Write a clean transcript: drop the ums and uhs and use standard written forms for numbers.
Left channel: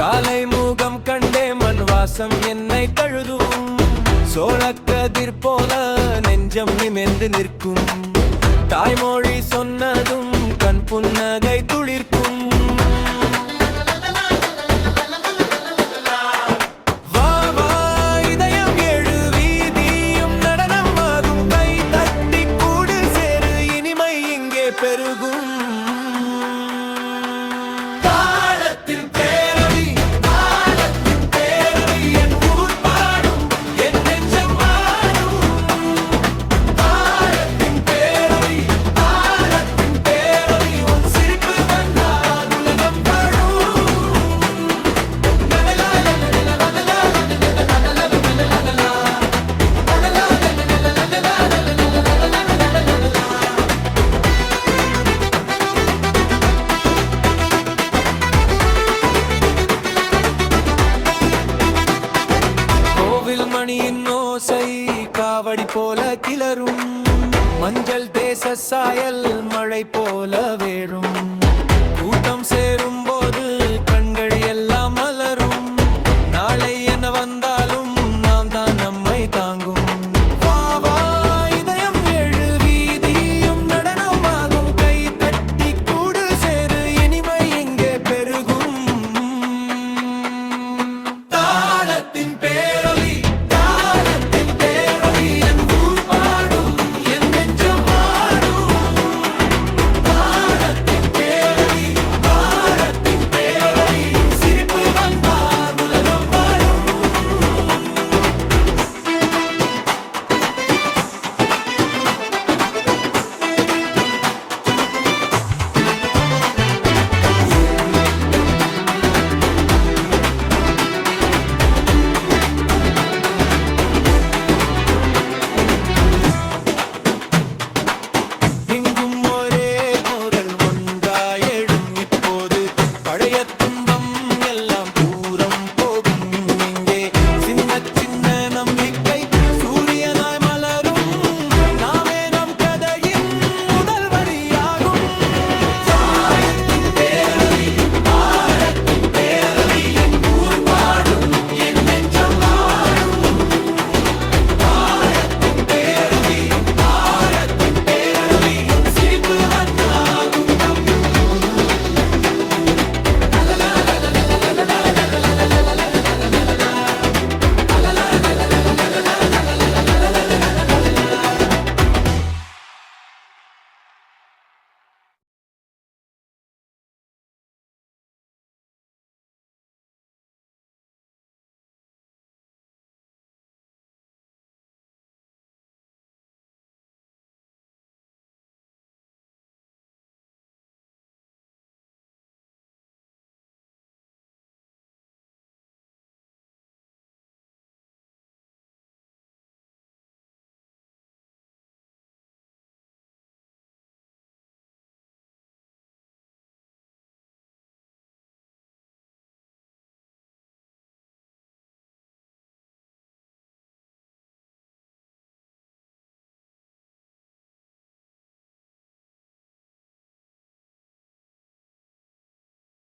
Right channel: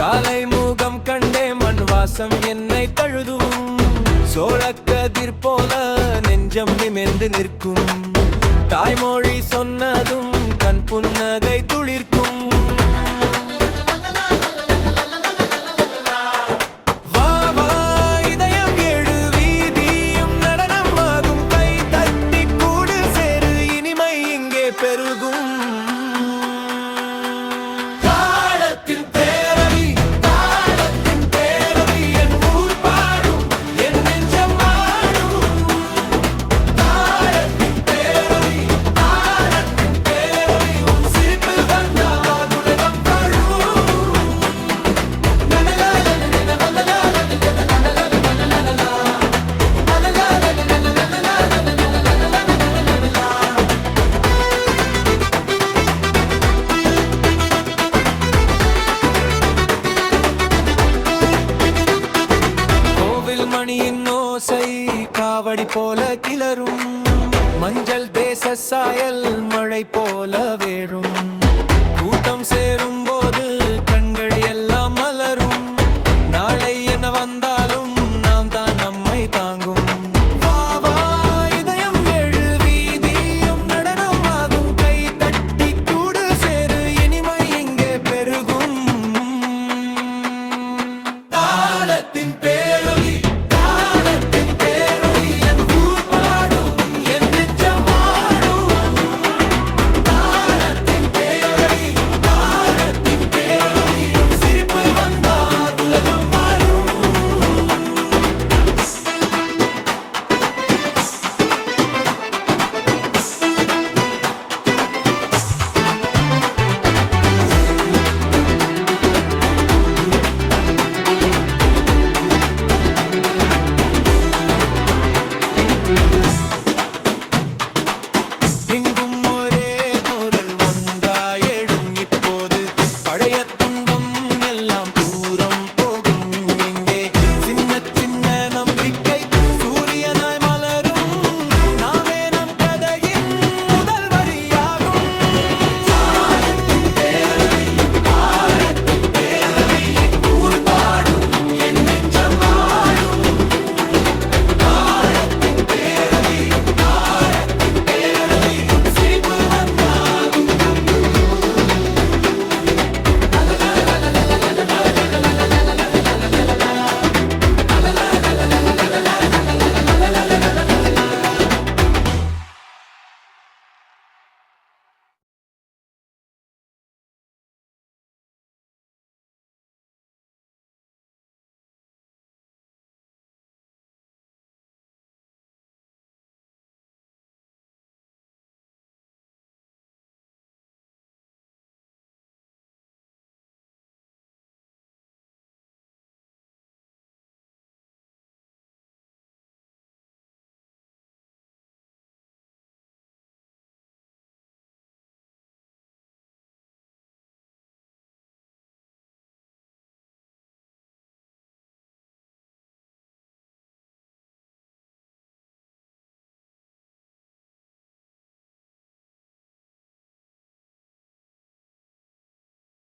காலை முகம் கண்டே மண் வாசம் என்னை தழுதும். சோழக்கதிர் போல நெஞ்சம் நிமிர்ந்து நிற்கும். தாய்மொழி சொன்னதும் கண் புன்னகை துளிர்க்கும். பெருகும் தாளத்தின் பேரொலி, தாளத்தின் பேரொலி, என் ஊர் பாடும், என் நெஞ்சம் ஆடும். தாளத்தின் பேரொலி, தாளத்தின் பேரொலி, உன் சிரிப்பு வந்தால் உலகம் வாழும். மணியின் ஓசை காவடி போல கிளரும். மஞ்சள் தேச சாயல் மழை போல வேறும்.